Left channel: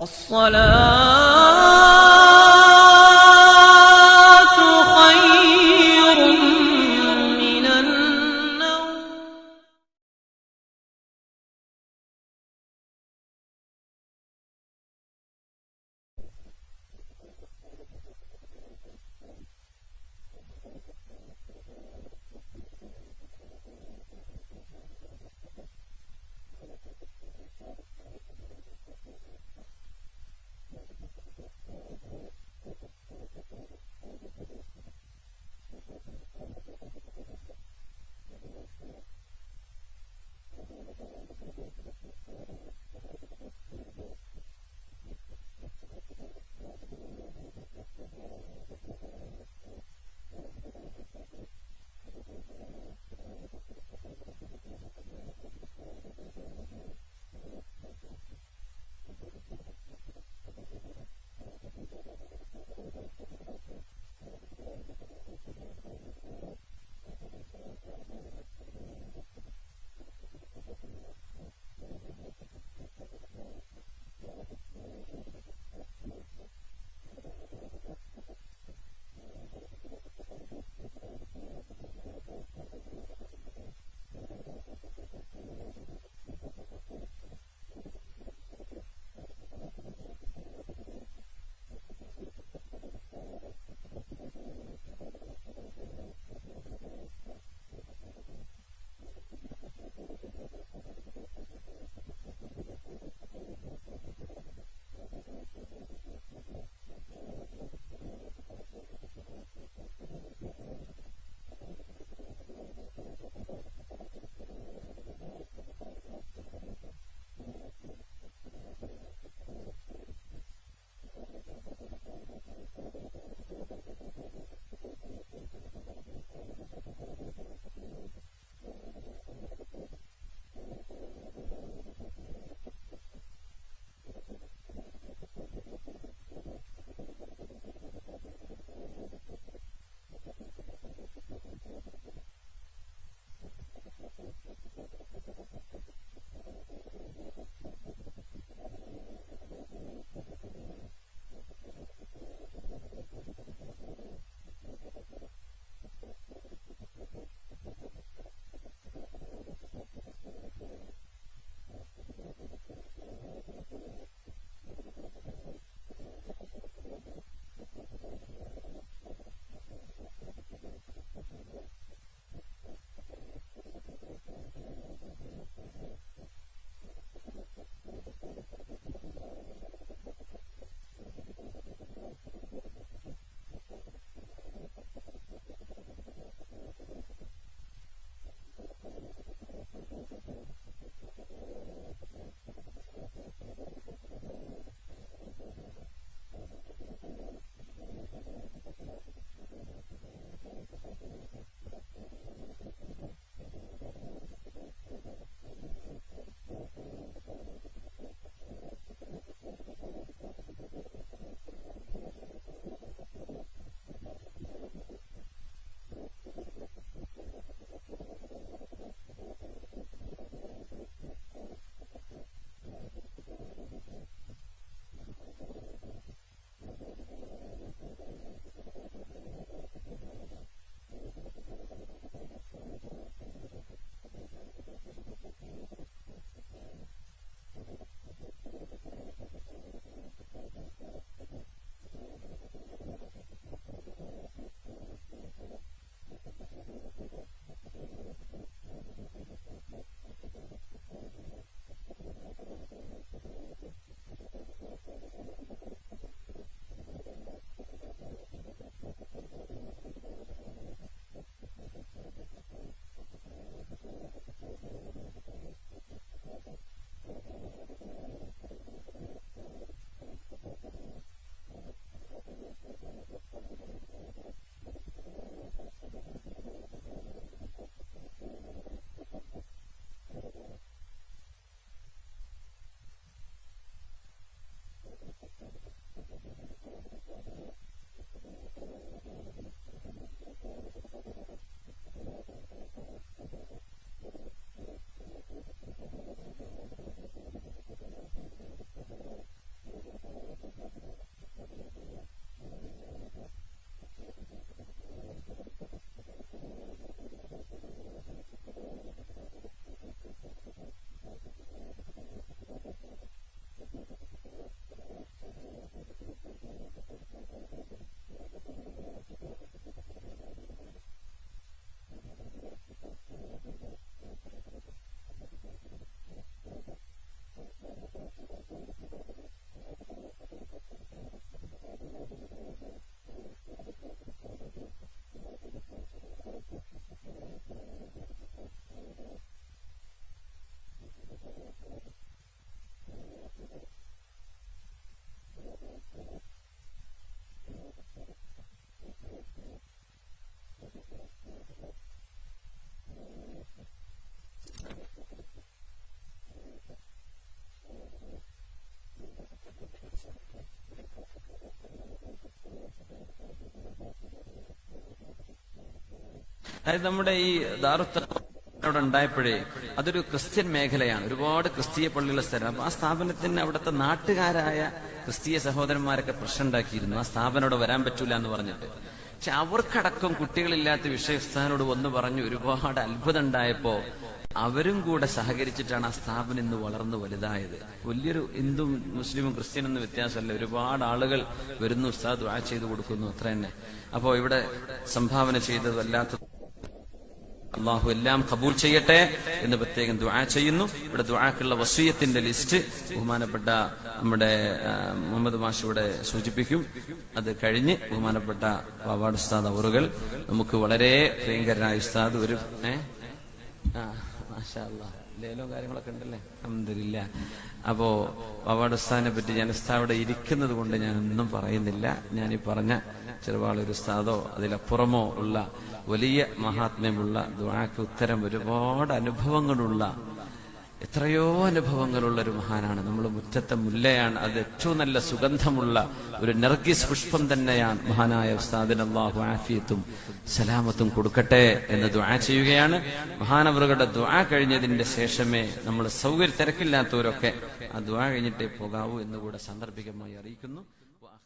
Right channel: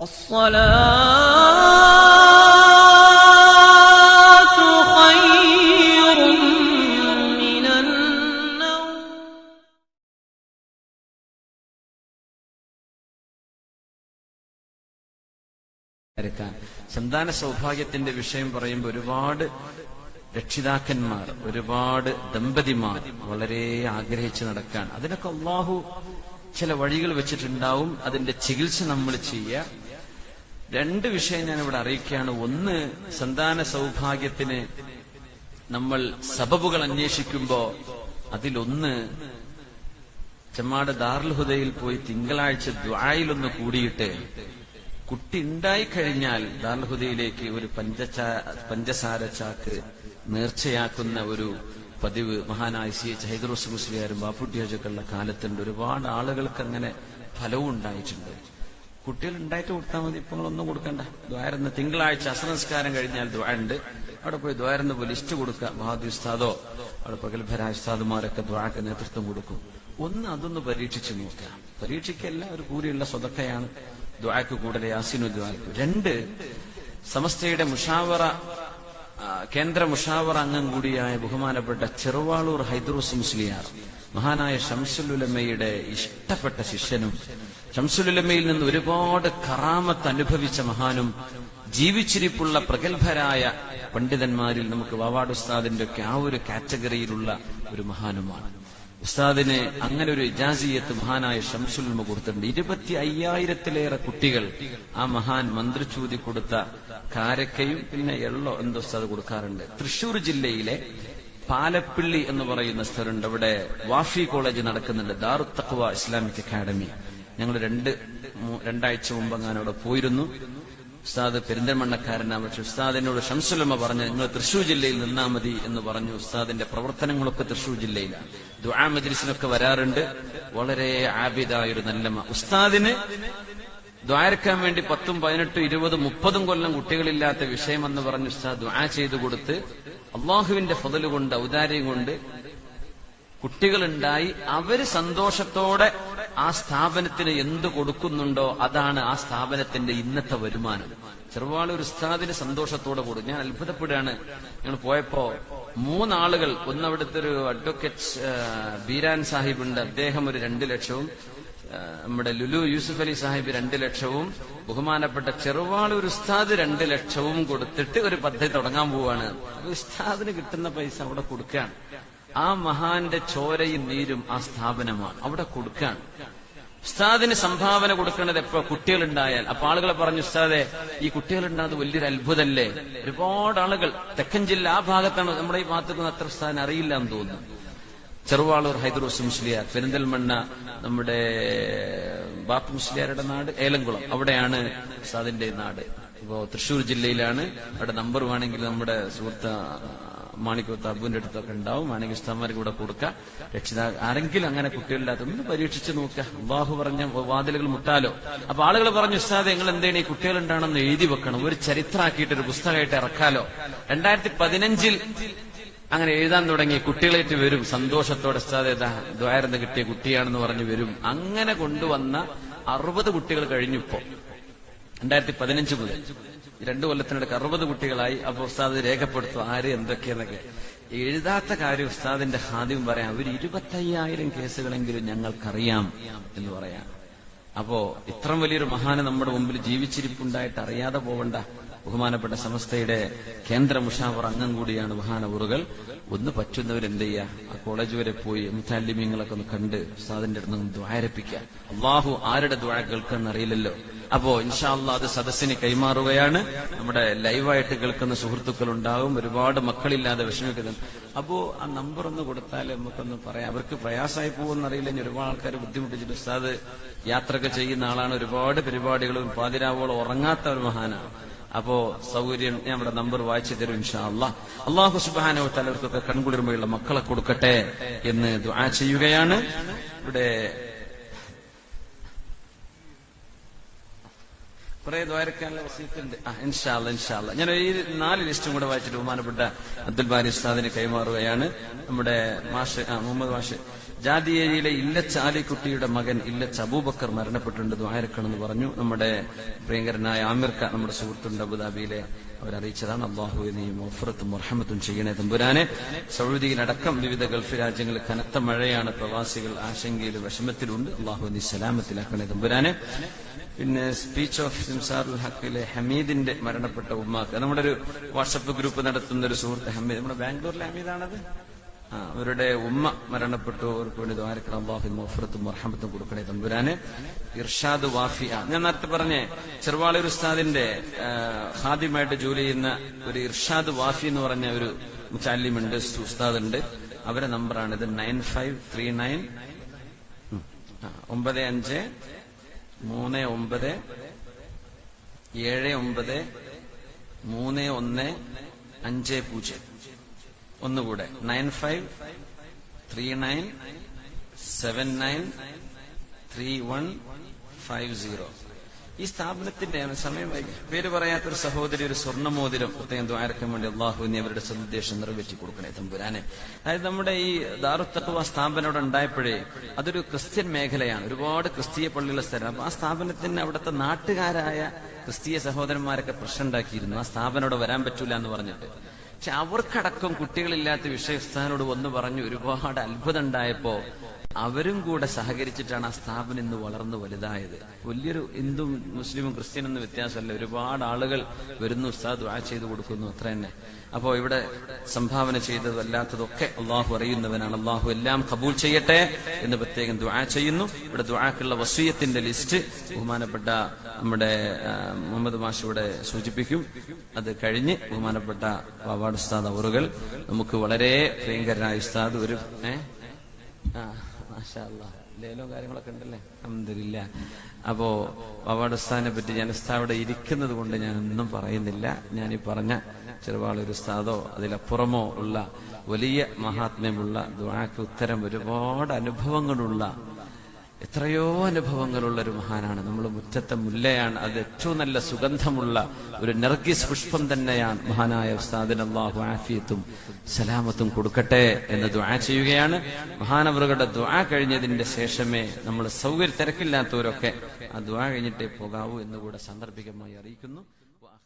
സന്താന സൗഭാഗ്യത്തിന്റെ വിഷയം പറയുമ്പോൾ ഒരുപാട് രക്ഷിതാക്കന്മാർ, ഒരുപാട് ദമ്പതിമാർ വളരെ ആഗ്രഹിച്ച് നടക്കാൻ, അതിനൊക്കെ അള്ളാഹു ചില വഴികൾ വെച്ചിട്ടുണ്ടാവും. അതിന്റെ ചികിത്സ നമ്മൾ ചെയ്യുക. രണ്ട് വിഷയം ഞാൻ ഇവിടെ അറിയിക്കുകയാണ്. ഒന്ന്, സന്താന സൗഭാഗ്യത്തിന് നമ്മൾ സബബുകൾ അന്വേഷിക്കുമ്പോ അതിലൊന്ന്, ചെമ്മാട് ദാറുൽ ഹുദയിൽ പോയി തിങ്കളാഴ്ച ദുആയിലൊന്ന് കൂടിയിട്ട് കുട്ടി ഉണ്ടായിക്കഴിഞ്ഞാൽ ദാറുൽ ഹുദയിലേക്ക് ഒരു പഞ്ചസാര ചാക്ക് നേർച്ചയാക്കുന്ന ഒരു പതിവ് മഹാനായ CH ഹൈദറുസ് മുസ്ലിയാരും ബാപ്പുട്ടിയാജൊക്കെയുള്ള കാലത്തുണ്ട്. ഒരുപാട് ആളുകൾക്ക് അങ്ങനെ ഫലവും ഉണ്ടായിട്ടുണ്ട്. കുട്ടികൾ ഉണ്ടായിട്ട് കൊടുത്താൽ മതി, ഇപ്പൊ ഒന്നും കൊടുക്കണ്ട. ദ്വാരന്ന് തിങ്കളാഴ്ച അസ്രനസ്കാരം കഴിഞ്ഞാൽ ദ്വാരുണ്ട്, അവിടെ പോയി ദ്വാരന്ന് പോയി ലിസ്റ്റ് കൊടുക്കുക. മഹാദി ഉസ്താദോ അവിടെ പ്രഗത്ഭരായ ഉസ്താദുമാരൊക്കെ ദ്വാക്ക് നേതൃത്വം കൊടുക്കും. ഒന്ന് അതൊന്ന് പരീക്ഷിച്ച് നോക്കുക. പരീക്ഷിക്കല്ല, ഒരു കൂടിയുള്ള സ്വതക്കയാണ് ദ്വാക്ക് കൂടുതൽ യാസിനു ദ്വാക്ക്. രണ്ട്, സമസ്തയുടെ മുഷാവറ കേന്ദ്ര മുഷാവറ അംഗം കൂടിയായ ബഹുമാനപ്പെട്ട ചെറുവാളൂർ ഹൈദറുസ് മുസ്ലിയാർ, മഹാനായ ശംസുൽ ഉലമയുടെ ഇഷ്ടപ്പെട്ട ശിഷ്യനും ശംസുൽ ഉലമയിൽ നിന്ന് ഒരുപാട് കറാമത്ത് അനുഭവിച്ച മഹാനും ജീവിച്ചിരിപ്പുള്ള പ്രഗത്ഭരായ പണ്ഡിതന്മാരിൽ നമുക്ക് വാവാട് ഉസ്താദിന്റെ ഒക്കെ ആ ഒരു കാറ്റഗറിയിലുള്ള ഒരു മഹാനുമാണ്. ഉസ്താദിന് അങ്ങനെ ഒരു ഇജാസിയത്ത് മഹാനായ ശംസുൽ ഉലമ കൊടുത്തിട്ടുണ്ട്. 25,000-ലേറെ കുട്ടികൾ ആ മഹാൻ മന്ത്രിച്ചൂതി കൊടുത്ത കാരക്കയും പിന്നെ എള്ളോ എന്തോ ഉസ്താദ് കൊടുക്കാറുണ്ട്. തൃശൂർ ജില്ലയിലെ പാലപ്പിള്ളി എന്ന് പറയുന്ന സ്ഥലമുണ്ട്. അവിടെ വാഫി കോളേജ് നടക്കുന്നുണ്ട്, ദാറുത് തഖ്വ ഇസ്ലാമിക് അക്കാഡമി. ഞങ്ങൾ രണ്ടാഴ്ച മുമ്പ് അവിടെ പോയിരുന്നു. ഉസ്താദ് പെരിന്തൽമണ്ണക്കാരനാണ്. പക്ഷെ ഉസ്താദിനോട് ശംസുലമ പറഞ്ഞു, നിങ്ങൾ തൃശൂർ ജില്ലയിൽ നിന്നാ മതി എന്ന് പറഞ്ഞു. ഉസ്താദിന്റെ പ്രവർത്തനങ്ങളൊക്കെ തൃശൂർ ജില്ലയിലാണ്. ദുആ മജ്ലിസിനൊക്കെ വരാറുണ്ട്. വളരെ ആബിദായൊരു നല്ല ഉസ്താദിന് ദ്വാരക്കാൻ വേണ്ടി 10, 18, 20, 30 കൊല്ലം കുട്ടികളില്ലാത്ത വിഷയമെന്ന് പറഞ്ഞ് ഉസ്താദ് ദുആ ചെയ്തു കൊടുത്ത് അള്ളാഹുവിന്റെ ഫضل കൊണ്ട്, ഔദാര്യം കൊണ്ട് കുട്ടികളുണ്ടായി. അവര് സന്തോഷത്തോടെ ആ സ്ഥാപനത്തിന് എന്ത് കൊടുക്കുന്നുണ്ടോ അതാണ് ആ സ്ഥാപനത്തിന്റെ ഇന്നത്തെ വരുമാനം. ചെറുവാളൂർ ഉസ്താദിന് സന്തോഷത്തോടെ കൊടുക്കും. ഞാൻ അത്ഭുതപ്പെടുകയാണ്. ഞങ്ങൾ പോയപ്പോ 3 ആളുകൾ, ഒന്ന് അവിടുത്തെ ഒരു അഡ്വക്കേറ്റ് ബീരാൻ സാഹിബ് ഉണ്ട്, അദ്ദേഹം ഒരു 2 ലക്ഷവും, നമ്മുടെ ലുലു യൂസുഫ് അലി സാഹിബ് 2 ലക്ഷവും, ബഹുമാനപ്പെട്ട ചെറുവാളൂർ ഉസ്താദ് 2 ലക്ഷവും കൊടുത്തിട്ട് ഒരു പദ്ധതി തുടങ്ങാൻ പോവാണ്. ഉസ്താദിന് കിട്ടുന്ന പൈസ അവിടെ കൊടുക്കുകയാണ്. ആ മഹാന്റെ ചോരയും നീരും ആ സ്ഥാപനമാണ്, അവിടെ കൊടുക്കുകയാണ്. ഉസ്താദിന് സംഭാവന കൊടുക്കേണ്ടത് എപ്പോ? കുട്ടികളുണ്ടായാൽ. അപ്പൊ ആളുകളെ പറഞ്ഞു, ഉസ്താദെ ഈ കുട്ടികളുണ്ടായത് വലിയൊരു അത്ഭുതമല്ലേ. ഒരുപാട് ആളുകൾ തെക്കൻ ജില്ല ആ ഭാഗത്താണ്, നമ്മുടെ ഈ ഭാഗത്തേക്ക് അത്ര ഉസ്താദിന് അറിയില്ല എന്ന് തോന്നുന്നു. ചെറുവാളൂർ ഹൈദറുസ് മുസ്ലിയാർ, പെരിന്തൽമണ്ണ നമ്മുടെ ബാപ്പു മുസ്ലിയാരുടെ നാട് ഏലംകുളം, അവിടെയാണ് ഉസ്താദിന്റെ നാട്. ഇപ്പോ തൃശൂർ ജില്ലയിലാണ്. അവിടെ നമ്പർ വേണമെങ്കിൽ നമ്മുടെ സുഹൃത്ത് മാണിക്കോത്ത് അബുവിന്റെ അടുത്തൊക്കെ ഉണ്ടാവും. വേണമെങ്കിൽ ഉസ്താദ്മാർക്ക് കൂടെ കൊടുക്കാം. ആരെങ്കിലും അങ്ങനെ കുട്ടികളില്ലാത്ത ഒന്ന് പരീക്ഷിച്ച് നോക്കുക. അള്ളാഹു പറഞ്ഞ വാതിലുകൾ മുട്ടാലോ. അപ്പൊ ആളുകൾ പറഞ്ഞു, ഉസ്താദ് നിങ്ങൾ എന്താണ് ഈ കുട്ടികളുണ്ടാണെന്ന് എഴുതി വെക്കണം, ഒരു ചരിത്രമാക്കിയിട്ട് ഒരു പുസ്തകമായിട്ട് ഇറക്കാലോ. 2015 അങ്ങനെ എഴുതാൻ തുടങ്ങി. കുട്ടികളായിട്ട് വരും സന്തോഷത്തോടെ, ഉസ്താദ് ദ്വാരന്ന് കിട്ടിയ കുട്ടിയാണെന്ന് പറഞ്ഞു വരും. അങ്ങനെ കൊണ്ടുവന്ന 60 കുട്ടികൾ കഴിഞ്ഞിപ്പോ 2015 മുതൽ 2 കൊല്ലത്തിനിടയ്ക്ക് 60 കുട്ടികളായി. അപ്പൊ ഉസ്താദ് രേഖപ്പെടുത്തും ആര് എന്തൊക്കെയെന്നൊക്കെ. എഴുതാത്ത കാര്യം ഉസ്താദിന്റെ ഹാദിം പറയാം, ഒരു 25,000 കേസുകളെങ്കിലും ഞങ്ങൾക്കറിയാം എന്ന് പറയാം. അപ്പോ ഇത്ര വലിയൊരു മഹാന് നമ്മുടെ മുമ്പിൽ ജീവിച്ചിരിപ്പുണ്ടായിട്ട് അറിയാതെ പോവണ്ട. ബഹുമാനപ്പെട്ട സമസ്തയുടെ കേന്ദ്ര മുഷാവർ അംഗം കൂടിയാണ് മഹാനവറുകൾ. ഒന്ന് പറ്റുന്നവരെന്ത് ചെയ്യുക, ആ കോളേജ് വരെ പോയി മുത്തല്ലിമീങ്ങളൊക്കെ ഒന്ന് കണ്ട് ഉസ്താദിന്റെ അടുത്ത് നിന്ന് ദ്വാരപ്പിക്കുക. അള്ളാഹു ആരുടെ ദ്വാ കേൾക്കാന്ന് അറിയില്ലല്ലോ. അപ്പോ ഇൻഷാ അല്ലാഹ് അത് സദസ്സിന് കൈമാറുകയാണ്. നമ്മുടെ ലൈവായിട്ട് കേൾക്കുന്ന സുഹൃത്തുക്കൾ ഉണ്ടാവും, ഒരുപാട് മക്കളില്ലാതെ വിഷമിക്കുന്നുണ്ട്. അപ്പോ ആ നമ്പർ ഒന്ന് കൊടുത്താൽ നമുക്കൊന്ന് പറയാം. അവർക്ക് പ്രയാസമായി പോകുമെന്നറിയില്ല. ഇനി ഒരുപാട് ആൾക്കാർ ബുദ്ധിമുട്ടിച്ചിട്ട്, ഉസ്താദ് യാത്രയൊക്കെ ചെയ്യുന്ന ആളാണ്, ഒരുപാട് പരിപാടികളും പാതിരാവോളം ഉറങ്ങാത്ത ഒരു മഹാനാണ്. അപ്പോ സൗകര്യം ഞാൻ ഇവിടെ നമ്പർ വായിച്ചു തരും ഇൻഷാ അല്ലാഹ്. അല്ലാഹു സുബ്ഹാനഹു വ തആല അവർക്കൊക്കെ കൺകുളിർമയുള്ള മക്കളെ കൊടുക്കട്ടെ എന്ന് ദുആ ചെയ്യുകയാണ്. ഇവിടെ കുറെ ദ്വാരക്കാനുള്ള വസീയത്തുണ്ട്. ഇൻഷാ അല്ലാഹ് ഞാൻ ഈ 4 ലിസ്റ്റും കൂടെ വായിച്ചിട്ട് ബഹുമാനപ്പെട്ട അബ്ദുൽ ബാരി ഉസ്താദിന് കൈമാറുകയാണ്. നമ്മുടെ മാഷ് മുഹമ്മദ് മാഷ് ജാദിയയിലെ ഇല്ലച്ച ആലിക്കുട്ടിയുടെ മകൻ ഇല്ലച്ച അബൂബക്കർ മരണപ്പെട്ടിട്ടുണ്ട്, ദുആയിരക്കണമെന്ന് പറഞ്ഞു. നമ്മുടെ പ്രിയങ്കരനായ ആമിർക്ക നമ്മുടെ സുഹൃത്തുണ്ട് അബുദാബിയിലെ, അവരറിയിച്ചതാണ്. അള്ളാഹു നീ മഗ്ഫിറത്തും റഹ്മത്തും ചെയ്യണേ തമ്പുരാനെ. സൗദിയിലടക്കം വിവിധ ഗൾഫ് രാജ്യങ്ങളിൽ കനത്ത മഴയാണ്, പ്രവാസികൾ ആശങ്കയിലും വിഷമത്തിലുണ്ട്. അള്ളാഹു നീ സലാമത്തിലാക്കണേ തമ്പുരാനെ. പിന്നെ സ്പീച്ച് ഓഫ് സിംസാറുൽ ഹക്കിലെ ഹമീദിന്റെ മരണപ്പെട്ട ഉമ്മാക്ക് നമ്മുടെ ഒരു വാട്സപ്പ് ഗ്രൂപ്പ് നടത്തുന്ന ഒരു സുഹൃത്ത് ഹമീദ്, നമ്മുടെ ബാംഗ്ലൂരിലെ ഹമീദാണത്. അവരുടെ ഉമ്മ മരണപ്പെട്ടു. അവർക്ക് വേണ്ടി ദ്വാരക്കണം. അല്ലാഹു മഗ്ഫിറത്തും റഹ്മത്തും കൊടുക്കണേ തമ്പുരാനെ. ഇർഷാദ് വാഫിയ, ഞാൻ നേരത്തെ പറഞ്ഞേ ചെറുവാളൂർ ഉസ്താദിന്റെ ഖാദിമായിട്ട് ജോലി ചെയ്യുന്ന ഒരു ഇർഷാദ് വാഫി എന്ന് പറഞ്ഞ ഒരു മുച്ചാലിമുണ്ട്, ഉസ്താദുണ്ട്. അവരെ നമ്പറാണിത് 9539 95 39 79 3150. ഒന്നുകൂടെ 9539793150. ഈ സ്ഥാപനത്തിന്റെ സമയം പേര് പറയാത്തൊരു സഹോദരി ഒരു സ്വർണ്ണമോതിരം പ്രത്യേകം ദ്വാരക്കാൻ വേണ്ടി അള്ളാഹു ഇനി അവരുടെ സന്ദേശം നിറവേറ്റി കൊടുക്കണേ തമ്പുരാനെ. അതായത് നമ്മുടെ ഈ ദാറുൽ തഖ്വ സ്ഥാപനം അവിടെ ഉണ്ടായപ്പോഴേ അതൊരു ക്രിസ്ത്യൻ മേഖലയാണ്, ഒരുപാട് ക്രിസ്തീയ പള്ളിയുള്ള സ്ഥലം. അപ്പൊ ആ സ്ഥാപനത്തിന് അവിടുത്തെ നാട്ടുകാരായ ക്രിസ്തീയ സഹോദരന്മാരൊക്കെ പ്രശ്നം ഉണ്ടാക്കിയിരുന്നു, ആ സ്ഥാപനം അവിടെ വരാൻ പറ്റൂല എന്ന് പറഞ്ഞിട്ട്. പക്ഷെ അവർക്കടക്കം കുട്ടികളില്ലാത്ത വിഷയസ്ഥാനോട് വന്ന് പറഞ്ഞു ഒരുപാട് അത്ഭുതം ഉണ്ടായപ്പോ അവരും കൂടെ സഹകരിച്ചിട്ടാണ് ആ സ്ഥാപനം ഇന്ന് വളർന്നു വലുതായത്. വലിയൊരു ഹിന്ദു മുസ്ലിമും ക്രിസ്ത്യനൊന്നും വ്യത്യാസമല്ല, ഒരുപാട് ആളുകൾ വരുന്നു, ഉസ്താദ് ദുആ ചെയ്തു കൊടുക്കുന്നു, അത്ര തന്നെ. അപ്പോ ഇവിടെ സംഭാവന ചെയ്തതും അല്ലാത്തതൊക്കെ അള്ളാഹു അറിയുന്നവനാണ്. അള്ളാഹു എല്ലാം ഖബൂൽ ചെയ്യട്ടെ എന്ന് പ്രത്യേകം ദുആ ചെയ്യുന്നു. ഇവിടെ ദുആക്കുള്ള വസിയത്തിന്റെ ലിസ്റ്റ് ബഹുമാനപ്പെട്ട നമ്മുടെ മുഹമ്മദ് മാഷ് ഇവിടെ സൂചിപ്പിക്കും. അത് കഴിഞ്ഞ് ബഹുമാനപ്പെട്ട വാവാട് ഉസ്താദ് അവറുകൾ നമുക്ക് വളരെ പ്രിയങ്കരനായ ഉസ്താദ് ഒരു മാഷാ അല്ലാഹ് ലേലോ കാര്യങ്ങളൊക്കെ ഉണ്ടല്ലേ, അൽഹംദുലില്ലാ. അപ്പോ വാവാട് ഉസ്താദിനെ പറ്റി ഞാൻ ഉസ്താദ് ഇരിക്കുന്നത് കൊണ്ട് ഞാൻ ഒന്നും പറയുന്നില്ല. ഞാനീ പറഞ്ഞ ചെറുവാളൂർ ഉസ്താദോ അതിലപ്പുറമോ ഉള്ള വലിയ മഹാത്മ്യമുള്ള ദുആക്ക് ഉത്തരം ഒരുപാട് അനുഭവങ്ങളുള്ള എത്രയോ അനുഭവങ്ങളുള്ള ഒരു മഹാനാണ്. നമ്മൾ മുറ്റത്തെ മുല്ലയാണ്, അത് ഏറ്റവും നല്ല സുഗന്ധമുള്ള ഒരു നർഗിസ് പുഷ്പം തന്നെയാണ്. മഹാനായ ഉസ്താദിന് അല്ലാഹു ആഫിയത്തും സലാമത്തും കൊടുക്കട്ടെ എന്ന് ദുആ ചെയ്യുകയാണ്. മഹാനവറുകളുടെ ദുആ കഴിഞ്ഞതിന്റെ ശേഷമേ നമ്മൾ തിരക്കില്ലാത്തവരൊക്കെ ആ ദുആ കഴിഞ്ഞിട്ടേ പോകാവൂ എന്നുകൂടെ സാന്ദർഭികമായി അറിയിക്കുന്നു.